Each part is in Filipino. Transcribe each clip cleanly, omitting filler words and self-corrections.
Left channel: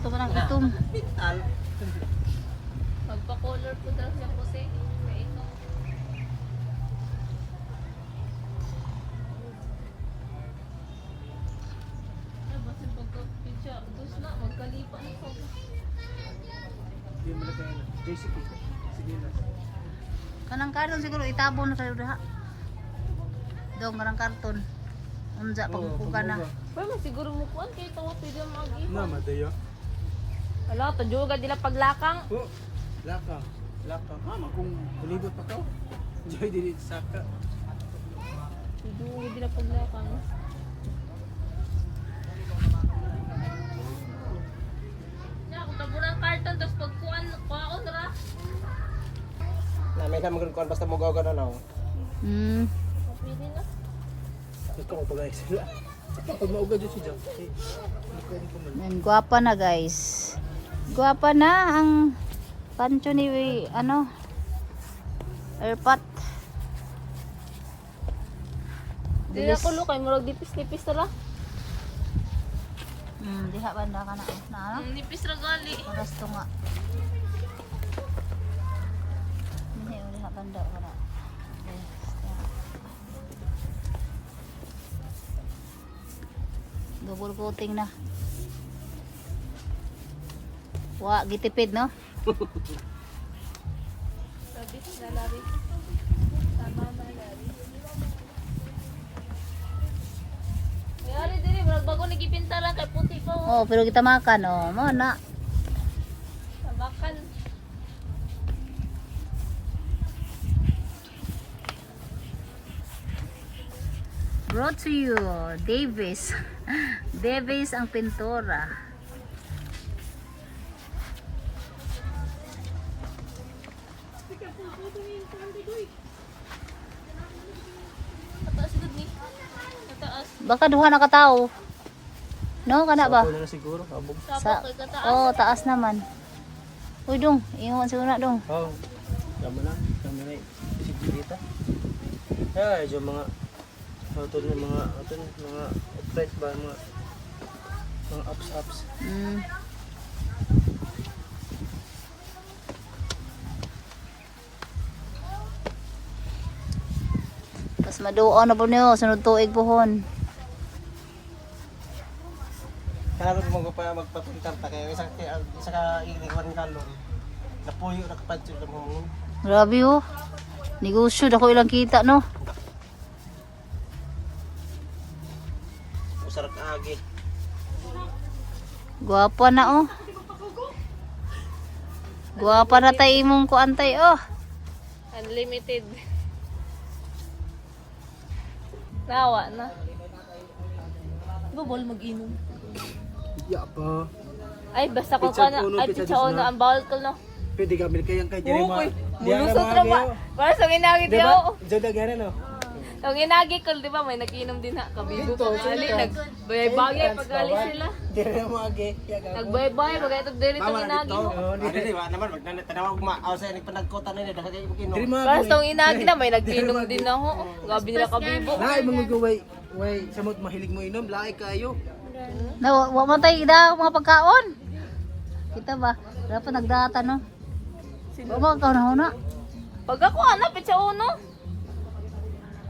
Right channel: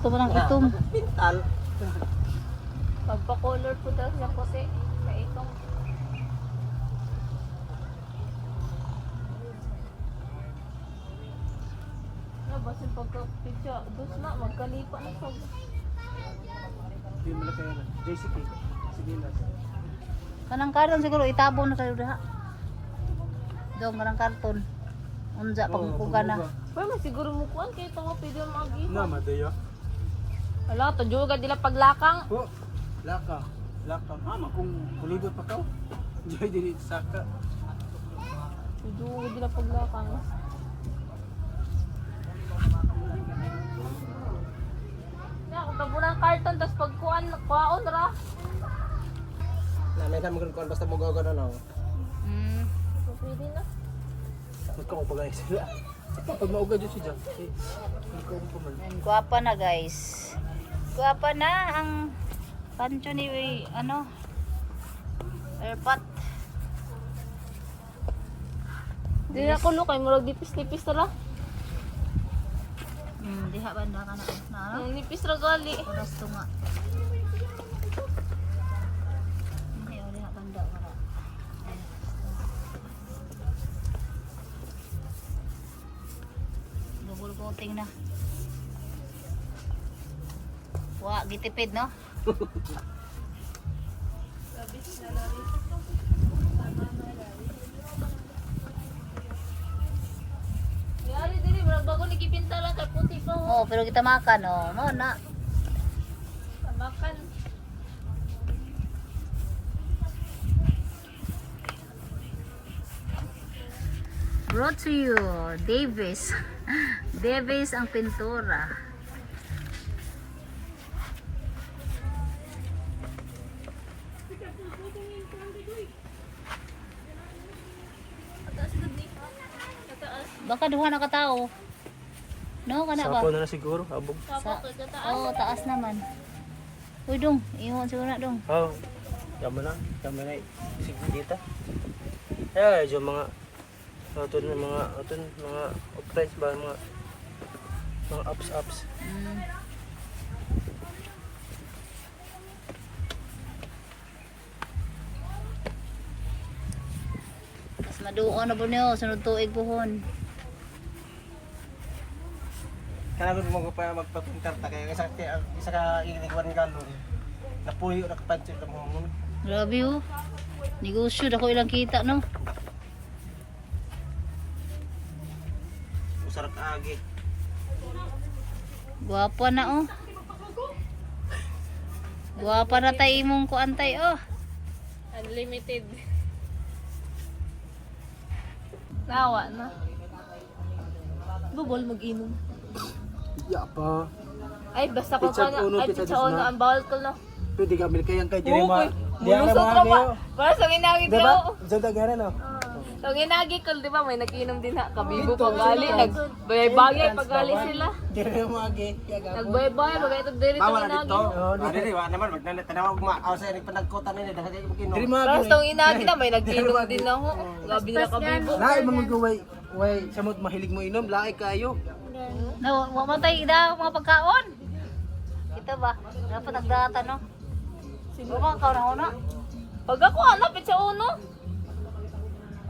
Ito parang itom. Pagpa-color po daw siya kasi may itong labas yung pagka-picture. Dos na, magkalipa na ito. JCK. Sige na. Kanang karton siguro itabon na kayo diha. Dong kanang karton. Unja pagkukuga na. Pero may siguro mo po kaya ito nga pwede yung mag-iwan. Na, madaya. Wala, ito juga nila paglakang. Oh, laka. Laka. Kung kulibot pa ka. Diyo din saka. Ito juga nila paglakang. Na, kung tabo ng karton, tapos pagkuhan, kuhaon, ra. Na, may naman kung basta mo gawin na. So, pwede na. Tapos ka mo pag-ayos sila. Saka pag maugad yun si John. Hindi ko pa man. Guwapa na guys. Guwapa na ang kancho ni airpot. Di na ko kay murag dipis-dipis na lang. Diha banda ka na ano? Ang nipis ra gali. Paras to nga. Hindi mo diha banda wala. Double coating na. Wa gitipid no? Yari diri murag bago nagipinta lang kay puti pa. Oh, pero kita makan oh. Mo na. Tabakan. Brought to you, Davis. Davis ang pintura. Taas gud ni. Taas. Baka duha na katao. No, kana ba? Ako na siguro. Abog. Sa kay kataas. Oh, taas naman. Uy dong, ingon siguro na dong. Oh. Tama na. Tama na. Sige dito. Eh, yung mga mga upgrades ba mga ups. Pas maduo na po niyo, sunod tuig pohon. Kailangan mo pa magpapintar ta kaya isa ka iligwan kalong. Napuyo na kapadyo na mo. Grabe oh. Negosyo dako ilang kita no. Usar ka agi. Guwapa na oh. Guwapa na tayo imong kuantay oh. Unlimited. Nawa na. Bubol mag-inom. Ya pa. Ay basta ko Pizza ka na. uno, Ay pizza pizza dos uno na. ang bawal ko na. Pwede ka bil kayang kay Jerry ma. Okay. Di ara Bulusot mga na gayo. ba? Para sa minagi Di diyo. ba? Diyan dagara no. Yung inagi ko, di ba, may nag-inom din ha, kabibo pag-ali, nagbayay-bayay pag-ali sila. Jerry mo agi. Nagbayay-bayay, pag-itog diri itong inagi. Dili wa naman magtanawag ma sa ni panagkota ni dagat kay pagino. Jerry mo Para sa itong inagi na, may nag-inom din ako. Gabi nila kabibo. Laay man magaway. Way, samot mahilig mo inom, laay kayo. Na wa man tayo ida mga pagkaon. Kita ba? Dapat nagdata no. Wa ka na. Pag ako, pizza uno.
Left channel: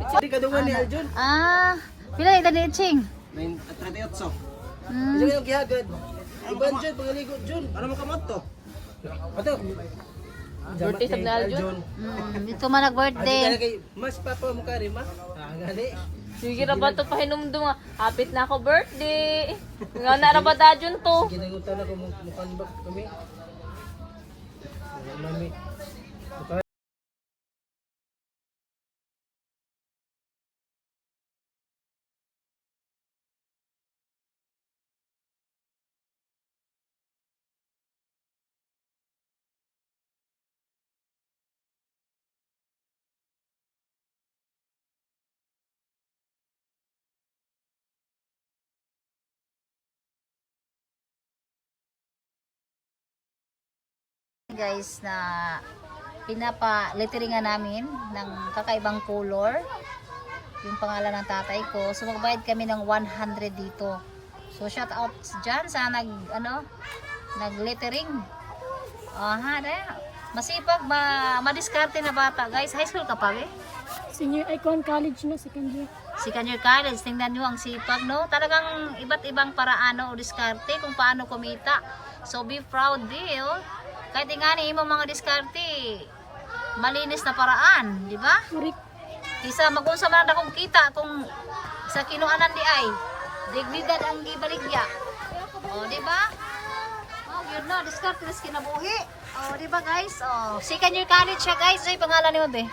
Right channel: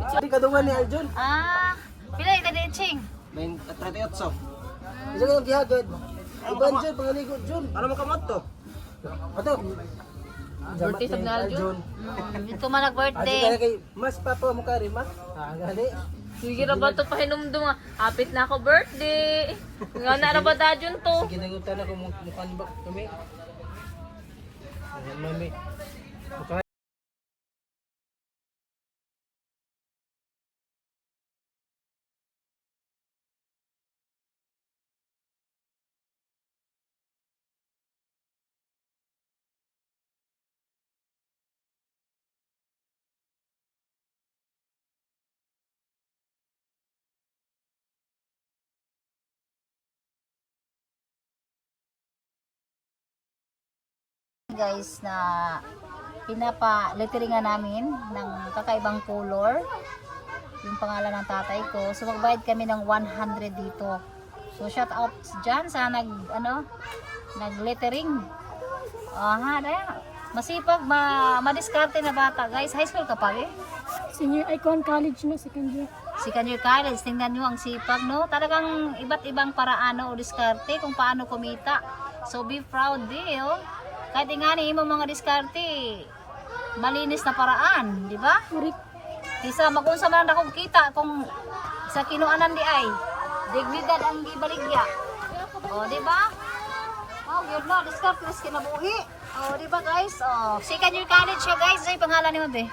Di kadungan ni Aljon. Ah, pila ita ni Ching? 38. Hmm. Diyan yung gihagad. Iban Jun, pangaligo Jun. Ano mo kamot to? Ato. Birthday sa Aljon. Dito man Adi nag-birthday. ka kay mas papa mo kari ma. Ah, gali. Sige ra ba ito pahinumdum nga. Hapit na ako birthday. Nga na ra ba Dajun to? Sige nangutan ako mo kanbak kami. Mami. guys na pinapa-letteringan namin ng kakaibang color. Yung pangalan ng tatay ko. So magbayad kami ng 100 dito. So shout out dyan sa nag-lettering. Masipag, madiskarte na bata. Guys, high school ka pa eh? Senior Icon College na, second year. Second year college, tingnan nyo ang sipag, no? Talagang iba't ibang paraan o diskarte kung paano kumita. So be proud oh. Kahit nga ni mo mga diskarte, malinis na paraan, di ba? Marik. Isa magunsa man akong kita kung sa kinuanan di ay dignidad ang gibaligya. O, di ba? Oh, yun na, diskarte is kinabuhi. O, di ba guys? O, second year college siya guys. Ay, pangalan niyo ba?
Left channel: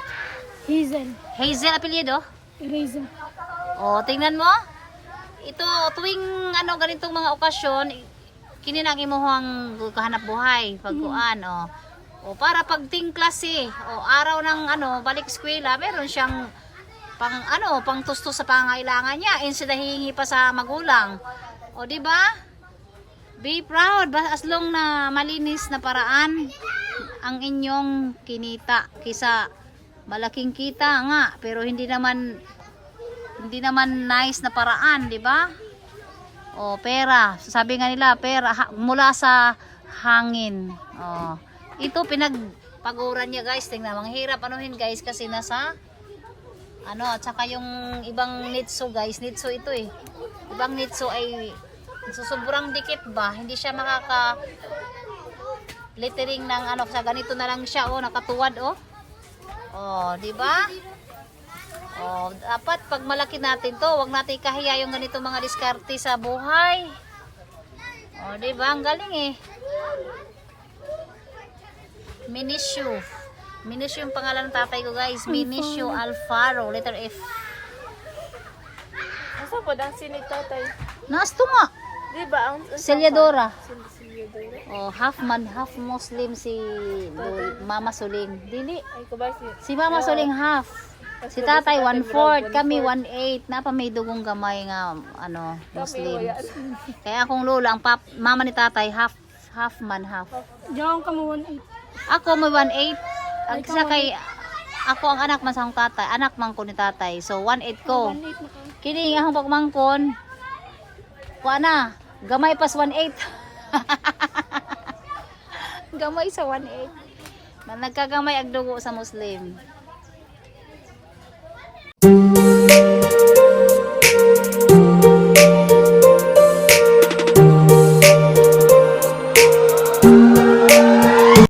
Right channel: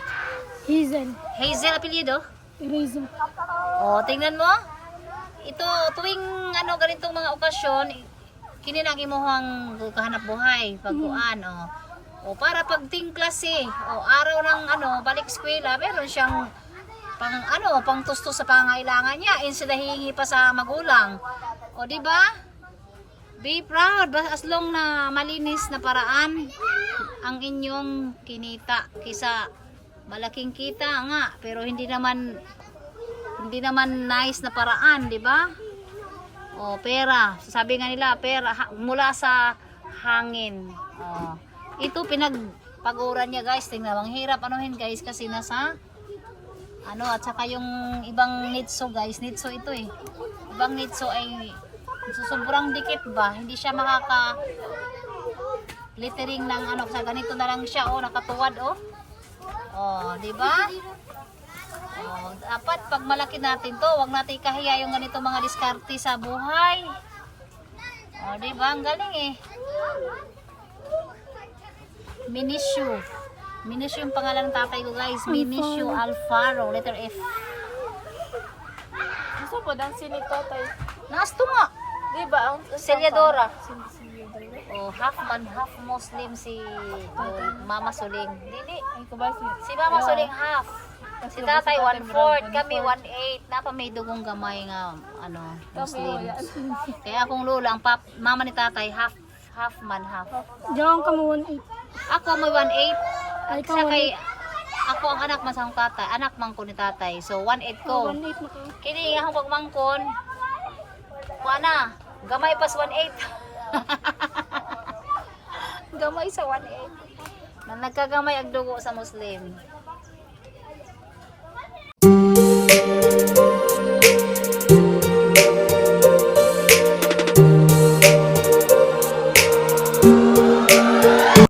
Hazel. Hazel apelyido? Eraser. O, tingnan mo. Ito, tuwing ganitong mga okasyon, kininang imuhang kahanap buhay, pagkuan, o para pag ting klase, o araw ng balik eskwela, meron siyang pang tusto sa pangailangan niya, instead na hihingi pa sa magulang. O, di ba? Be proud, as long na malinis na paraan ang inyong kinita, kisa malaking kita nga, pero hindi naman nice na paraan, di ba? O, pera. Sabi nga nila, pera mula sa hangin. O, ito pinagpaguran niya guys. Tingnan, ang hirap guys kasi nasa at saka yung ibang nitso guys. Nitso ito eh. Ibang nitso ay sobrang dikit ba? Hindi siya makaka lettering ng sa ganito na lang siya nakatuwad di ba? Dapat pag malaki natin to, wag natin ikahiya yung ganito mga diskarte sa buhay. Di ba? Ang galing eh. Minishu. Minishu yung pangalan ng tatay ko guys. Minishu Alfaro, letter F. Asa po dang sinito tay? Nasto nga. Di ba ang Selyadora. Half man, half Muslim si Mama Suling. Dili. Ay ko ba Si Mama Suling half. Si tatay 1/4, kami 1/8. Napa may dugong gamay nga Muslim. Kaya akong lula, ang mama ni tatay half man half. Diyan ka mo 1/8. Ako mo 1/8. Ang Ikaw, isa kay ako ang anak man sa akong tatay, anak man ko ni tatay. So 1/8 ko. 1/8 na ka. Kini nga akong pagmangkon. Kuha na, gamay pas 1/8. Gamay sa 1/8. Na nagkagamay ang dugo sa Muslim.